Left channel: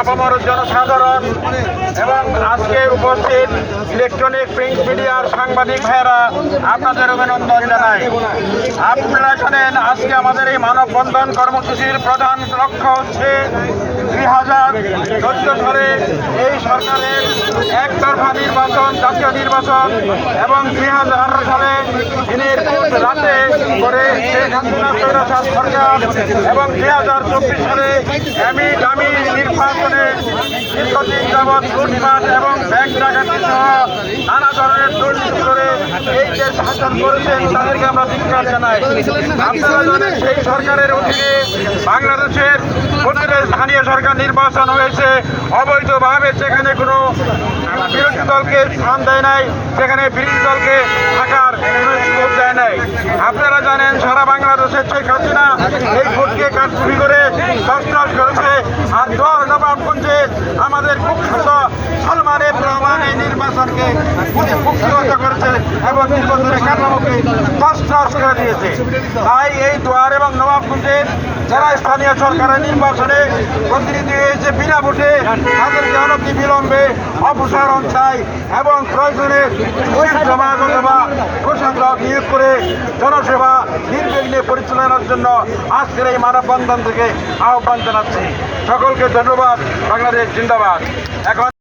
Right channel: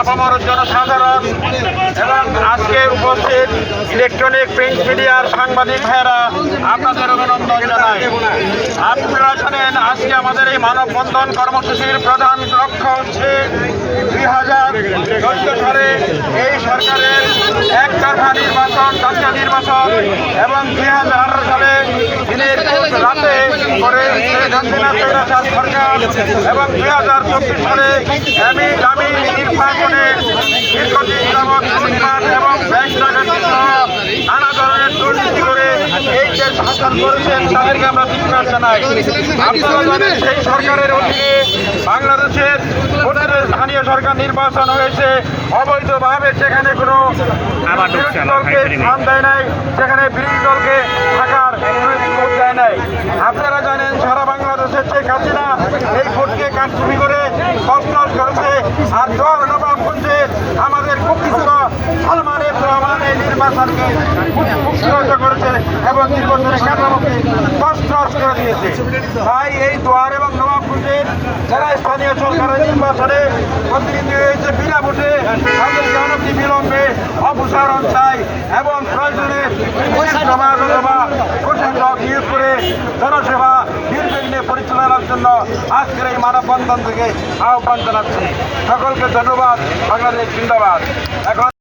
আপামর জনসাধারণ এবং আজকের উপস্থিত ইলেকট্রনিক প্রিন্ট মিডিয়ার সাংবাদিক ভাইয়েরা, আপনাদের অভিনন্দন জানাই। আপনারা জানেন, আজকে আমাদের এই মানববন্ধন কর্মসূচির প্রধান লক্ষ্য হচ্ছে দুই হাজার চোদ্দ সালে এই সরকারের একতরফা নির্বাচন, জাতীয় নির্বাচন এবং দুই হাজার আঠারো সালে দিনের রাতে করে শেখ সরকার এবং দুই হাজার চব্বিশ সালে আমি দামি নির্বাচনে দীর্ঘদিন লুটপাট এবং ব্যাংক ডাকাতি নানা ধরনের দুর্নীতি করে এই যে শাসন করেছেন তাদেরকে আমরা ধিক্কার জানাই। সেই সরকারের অধীনে বাংলাদেশের স্থানীয় সরকার নির্বাচন হয়েছে। অবৈধভাবে সেখানে কোনো বিরোধী দলকে স্থান দেয় নাই, সেখানে বিরোধী দলকে থাকার কোনো দেয় নাই। আপনারা জানেন, সারা বাংলাদেশের শেখ হাসিনা এই ভোটকে কারচুপি করে তসনস করেছে। আর দল নবাবগঞ্জে আমাদের খুব কুখ্যাত সালমানের রহমান এই নির্বাচনকে কুখ্যাত করেছে এবং নির্বাচনের কাঠামোকে তসনস করে দিয়েছে। তাই এই দোয়ার এবং নবাবগঞ্জের যারা স্থানীয় সরকারের নির্বাচনে প্রতিনিধি হয়েছে, বিনা ভোটে তাদেরকে অনতি বিলম্বে অপসারণ চাই এবং প্রয়োজনে সভা অথবা প্রশাসক নিয়োগ করে জনসেবা নির্বিঘ্নে পরিচালনার জন্য আজকের এই মানববন্ধন থেকে আহ্বান জানাচ্ছি। সকলকে ধন্যবাদ। বাংলাদেশ জিন্দাবাদ। এখন